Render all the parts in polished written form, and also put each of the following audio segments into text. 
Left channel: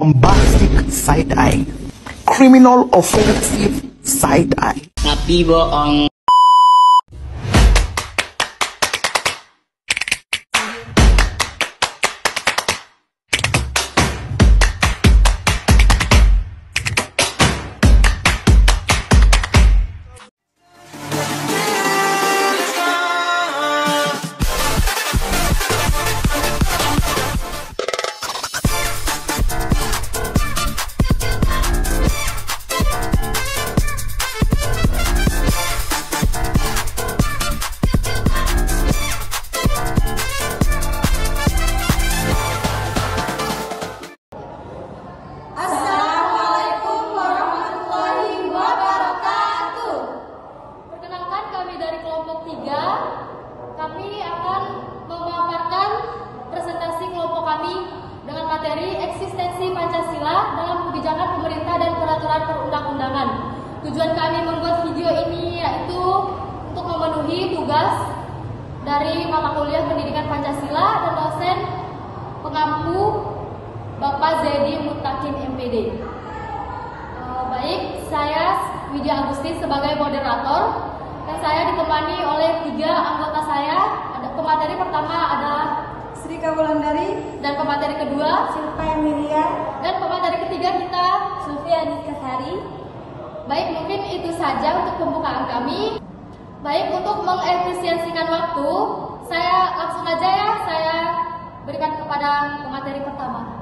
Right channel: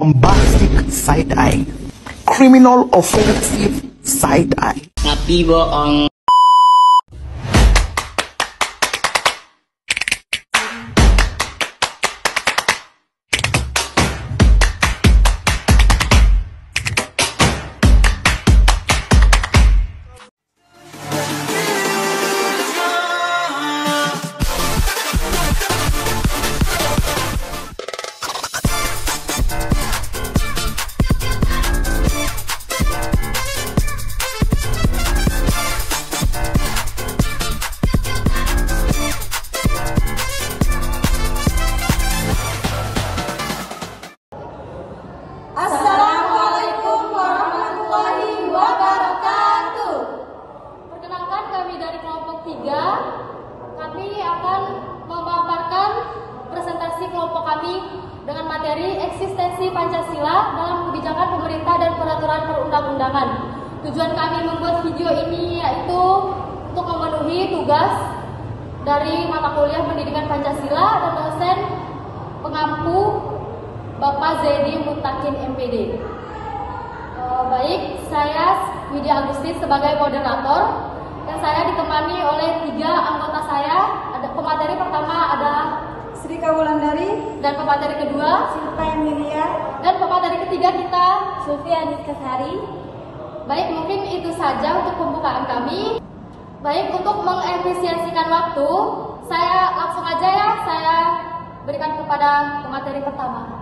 bombastic side eye, criminal offensive side eye. Tapi bohong. Assalamualaikum warahmatullahi wabarakatuh. Perkenalkan, kami dari kelompok 3. Kami akan memaparkan presentasi kelompok kami dengan materi eksistensi Pancasila dalam kebijakan pemerintah dan peraturan perundang-undangan. Tujuan kami membuat video ini yaitu untuk memenuhi tugas dari mata kuliah pendidikan Pancasila dan dosen pengampu Bapak Zedi Mutakin MPD. Baik, saya Widya Agusti sebagai moderator dan saya ditemani oleh 3 anggota saya. Ada pemateri pertama ada Sri Wulandari dan pemateri kedua Silpa Emilia dan pemateri ketiga kita Sufiani Kesari. Baik, mungkin itu saja untuk pembukaan kami. Baik, untuk mengefisiensikan waktu, saya langsung aja ya, saya berikan kepada pemateri pertama.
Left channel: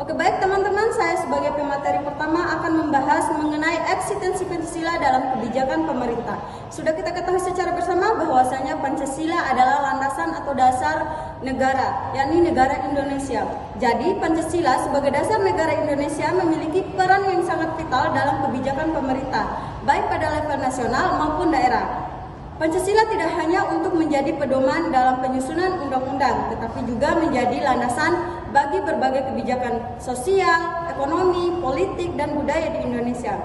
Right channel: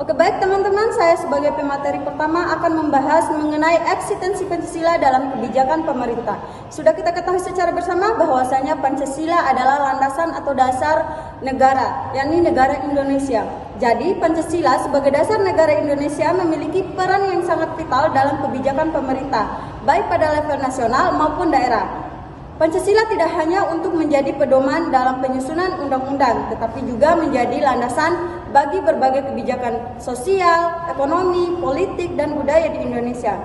Oke, baik teman-teman, saya sebagai pemateri pertama akan membahas mengenai eksistensi Pancasila dalam kebijakan pemerintah. Sudah kita ketahui secara bersama bahwasanya Pancasila adalah landasan atau dasar negara, yakni negara Indonesia. Jadi Pancasila sebagai dasar negara Indonesia memiliki peran yang sangat vital dalam kebijakan pemerintah, baik pada level nasional maupun daerah. Pancasila tidak hanya untuk menjadi pedoman dalam penyusunan undang-undang, tetapi juga menjadi landasan bagi berbagai kebijakan sosial, ekonomi, politik, dan budaya di Indonesia.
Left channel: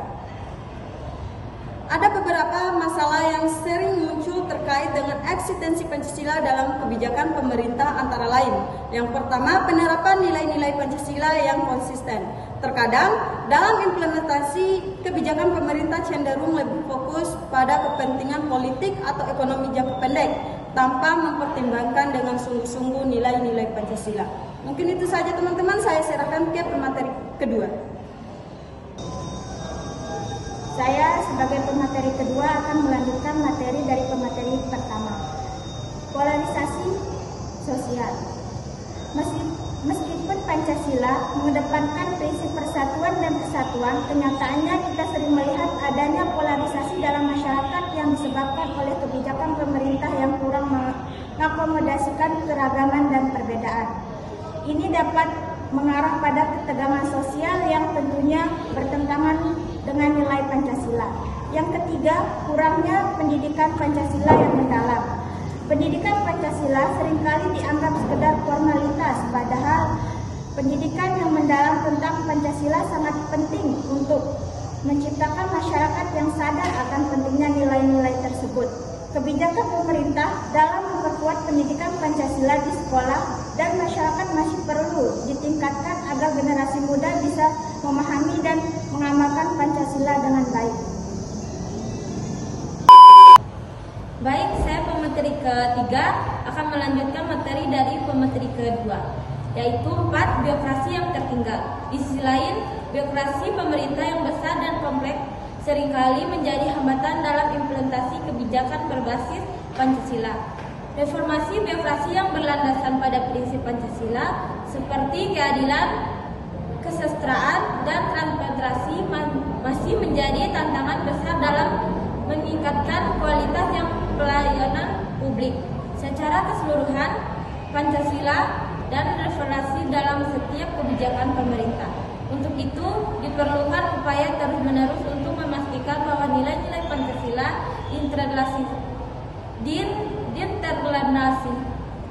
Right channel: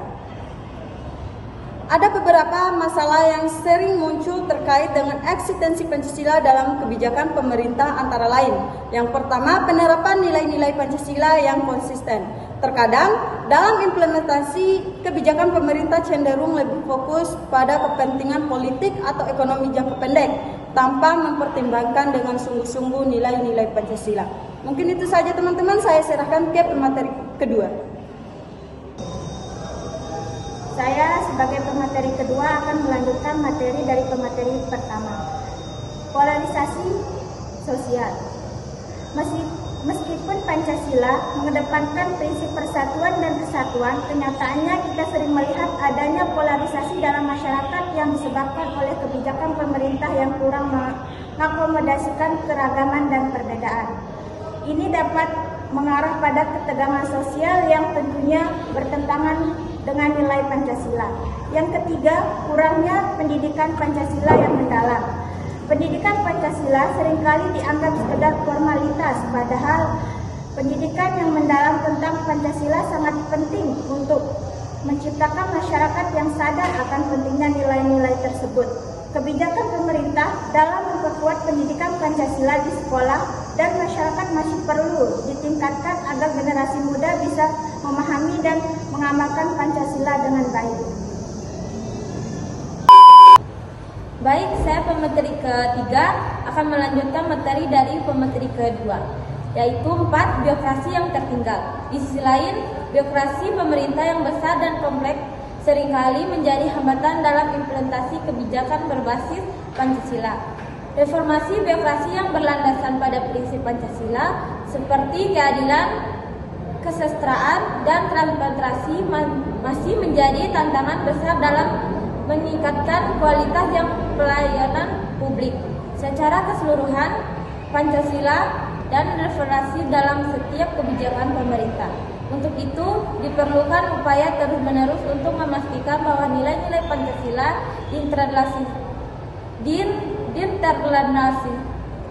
Ada beberapa masalah yang sering muncul terkait dengan eksistensi Pancasila dalam kebijakan pemerintah, antara lain. Yang pertama, penerapan nilai-nilai Pancasila yang konsisten. Terkadang, dalam implementasi kebijakan pemerintah cenderung lebih fokus pada kepentingan politik atau ekonomi jangka pendek, tanpa mempertimbangkan dengan sungguh-sungguh nilai-nilai Pancasila. Mungkin itu saja teman-teman, saya serahkan ke pemateri kedua. Saya sebagai pemateri kedua akan melanjutkan materi dari pemateri pertama. Polarisasi sosial. Meskipun Pancasila mengedepankan prinsip persatuan dan kesatuan, kenyataannya kita sering melihat adanya polarisasi dalam masyarakat yang disebabkan oleh kebijakan pemerintah yang kurang mengakomodasikan keragaman dan perbedaan. Ini dapat mengarah pada ketegangan sosial yang tentunya bertentangan dengan nilai Pancasila. Yang ketiga, kurangnya pendidikan Pancasila yang mendalam. Pendidikan Pancasila seringkali dianggap sekedar formalitas, padahal pendidikan yang mendalam tentang Pancasila sangat penting untuk menciptakan masyarakat yang sadar akan pentingnya nilai-nilai tersebut. Kebijakan pemerintah dalam memperkuat pendidikan Pancasila di sekolah dan masyarakat masih perlu ditingkatkan agar generasi muda bisa memahami dan mengamalkan Pancasila dengan baik. Baik, saya pemateri ketiga akan melanjutkan materi dari pemateri kedua, yaitu 4 birokrasi yang tertinggal. Di sisi lain, birokrasi pemerintah yang besar dan kompleks seringkali menjadi hambatan dalam implementasi kebijakan berbasis Pancasila. Reformasi birokrasi yang berlandasan pada prinsip Pancasila seperti keadilan, kesejahteraan, dan transparansi masih menjadi tantangan besar dalam meningkatkan kualitas yang pelayanan publik. Secara keseluruhan, Pancasila dan reformasi dalam setiap kebijakan pemerintah. Untuk itu, diperlukan upaya terus-menerus untuk memastikan bahwa nilai-nilai Pancasila diinternalisasi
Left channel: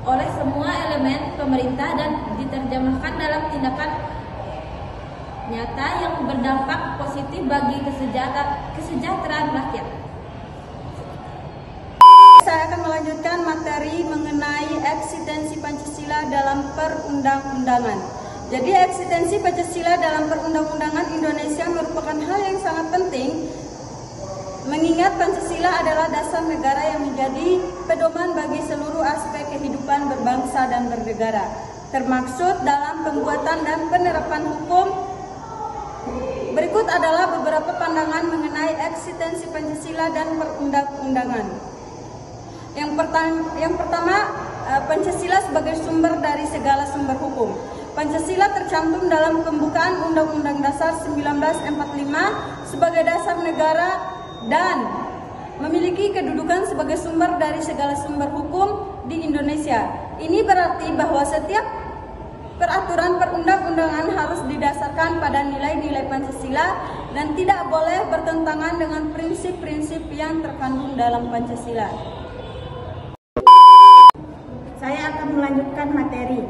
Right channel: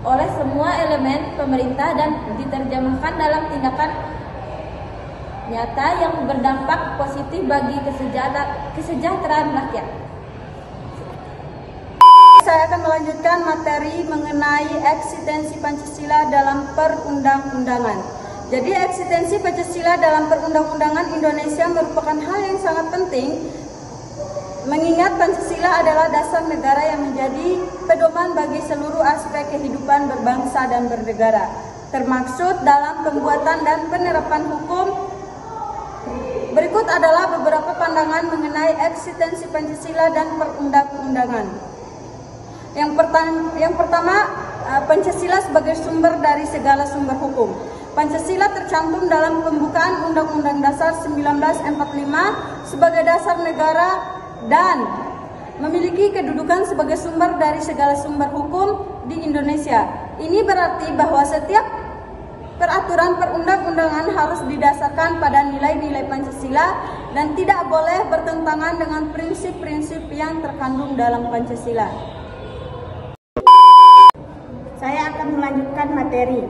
oleh semua elemen pemerintah dan diterjemahkan dalam tindakan nyata yang berdampak positif bagi kesejahteraan rakyat. Saya akan melanjutkan materi mengenai eksistensi Pancasila dalam perundang-undangan. Jadi eksistensi Pancasila dalam perundang-undangan Indonesia merupakan hal yang sangat penting, mengingat Pancasila adalah dasar negara yang menjadi pedoman bagi seluruh aspek kehidupan berbangsa dan bernegara, termaksud dalam pembuatan dan penerapan hukum. Berikut adalah beberapa pandangan mengenai eksistensi Pancasila dan perundang-undangan. Yang pertama, Pancasila sebagai sumber dari segala sumber hukum. Pancasila tercantum dalam pembukaan Undang-Undang Dasar 1945 sebagai dasar negara dan memiliki kedudukan sebagai sumber dari segala sumber hukum di Indonesia. Ini berarti bahwa setiap peraturan perundang-undangan harus didasarkan pada nilai-nilai Pancasila dan tidak boleh bertentangan dengan prinsip-prinsip yang terkandung dalam Pancasila. Saya akan melanjutkan materi.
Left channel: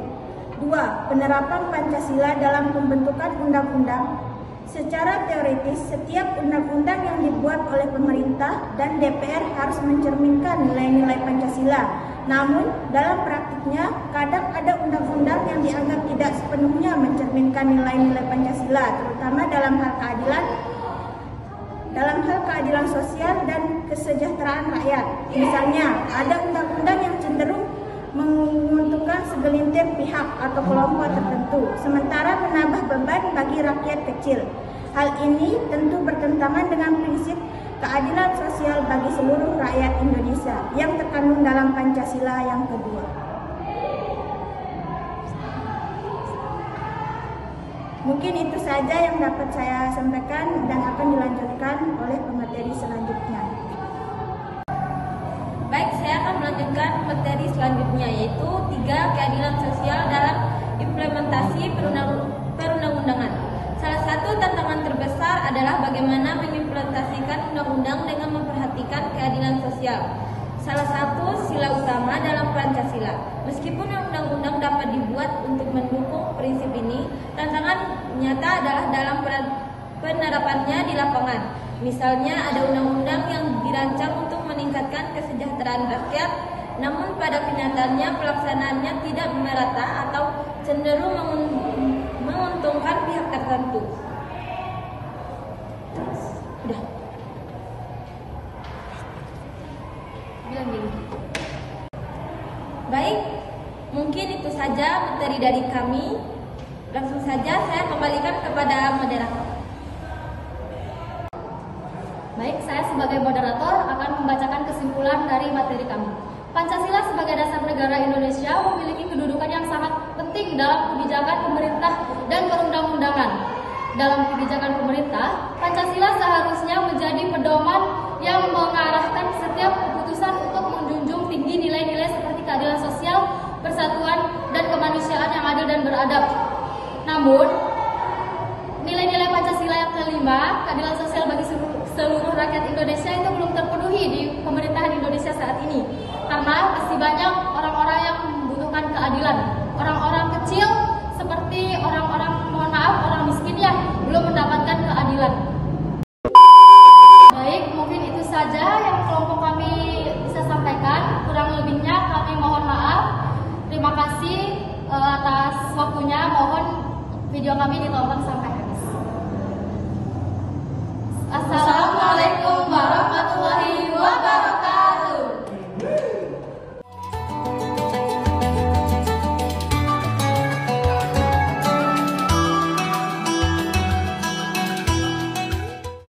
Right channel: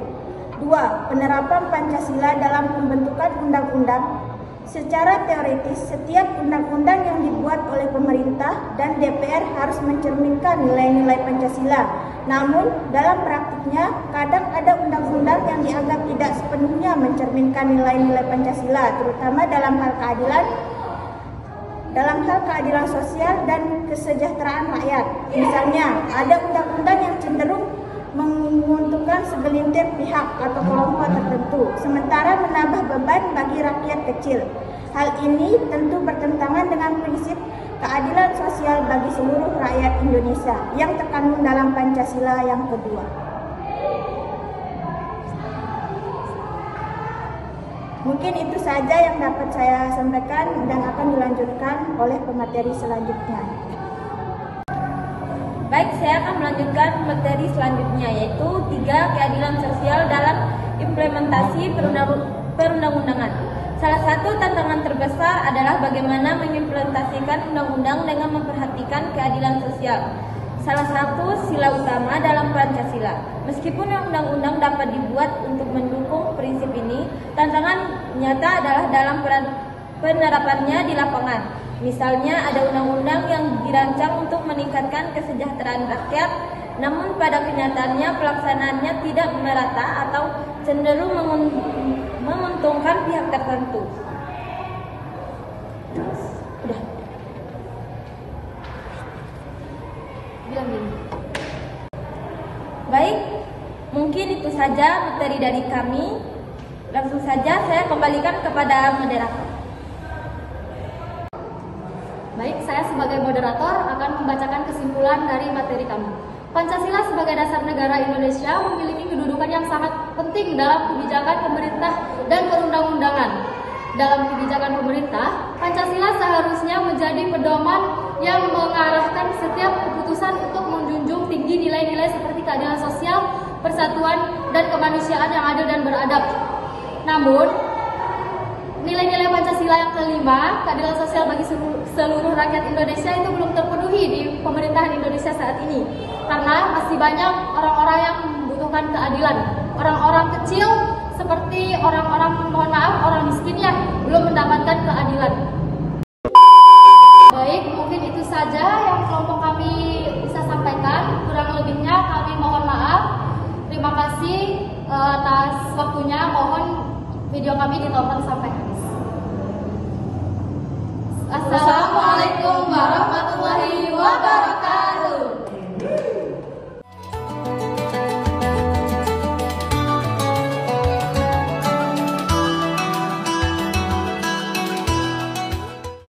2. Penerapan Pancasila dalam pembentukan undang-undang. Secara teoritis, setiap undang-undang yang dibuat oleh pemerintah dan DPR harus mencerminkan nilai-nilai Pancasila. Namun, dalam praktiknya, kadang ada undang-undang yang dianggap tidak sepenuhnya mencerminkan nilai-nilai Pancasila, terutama dalam hal keadilan sosial dan kesejahteraan rakyat. Misalnya, ada undang-undang yang cenderung menguntungkan segelintir pihak atau kelompok tertentu, sementara menambah beban bagi rakyat kecil. Hal ini tentu bertentangan dengan prinsip keadilan sosial bagi seluruh rakyat Indonesia yang terkandung dalam Pancasila yang kedua. Mungkin itu saja yang dapat saya sampaikan dan akan dilanjutkan oleh pemateri selanjutnya. Baik, saya akan melanjutkan materi selanjutnya, yaitu 3. Keadilan sosial dalam implementasi perundang-undangan. Salah satu tantangan terbesar adalah bagaimana mengimplementasikan undang-undang dengan memperhatikan keadilan sosial. Salah satu sila utama dalam Pancasila. Meskipun undang-undang dapat dibuat untuk mendukung prinsip ini, tantangan nyata adalah dalam penerapannya di lapangan. Misalnya ada undang-undang yang dirancang untuk meningkatkan kesejahteraan rakyat, namun pada kenyataannya pelaksanaannya tidak merata atau cenderung menguntungkan pihak tertentu. Udah. Baik, mungkin itu saja materi dari kami. Langsung saja saya kembalikan kepada moderator. Baik, saya sebagai moderator akan membacakan kesimpulan dari materi kami. Pancasila sebagai dasar negara Indonesia memiliki kedudukan yang sangat penting dalam kebijakan pemerintah dan perundang-undangan. Dalam kebijakan pemerintah, Pancasila seharusnya menjadi pedoman yang mengarahkan setiap keputusan untuk menjunjung tinggi nilai-nilai seperti keadilan sosial, persatuan, dan kemanusiaan yang adil dan beradab. Namun, nilai-nilai Pancasila yang kelima, keadilan sosial bagi seluruh rakyat Indonesia itu belum terpenuhi di pemerintahan Indonesia saat ini. Karena masih banyak orang-orang yang membutuhkan keadilan. Orang-orang kecil seperti orang-orang, mohon maaf, orang miskin yang belum mendapatkan keadilan. Baik, mungkin itu saja yang kelompok kami bisa sampaikan. Kurang lebihnya kami mohon maaf. Terima kasih atas waktunya. Mohon video kami ditelepon sampai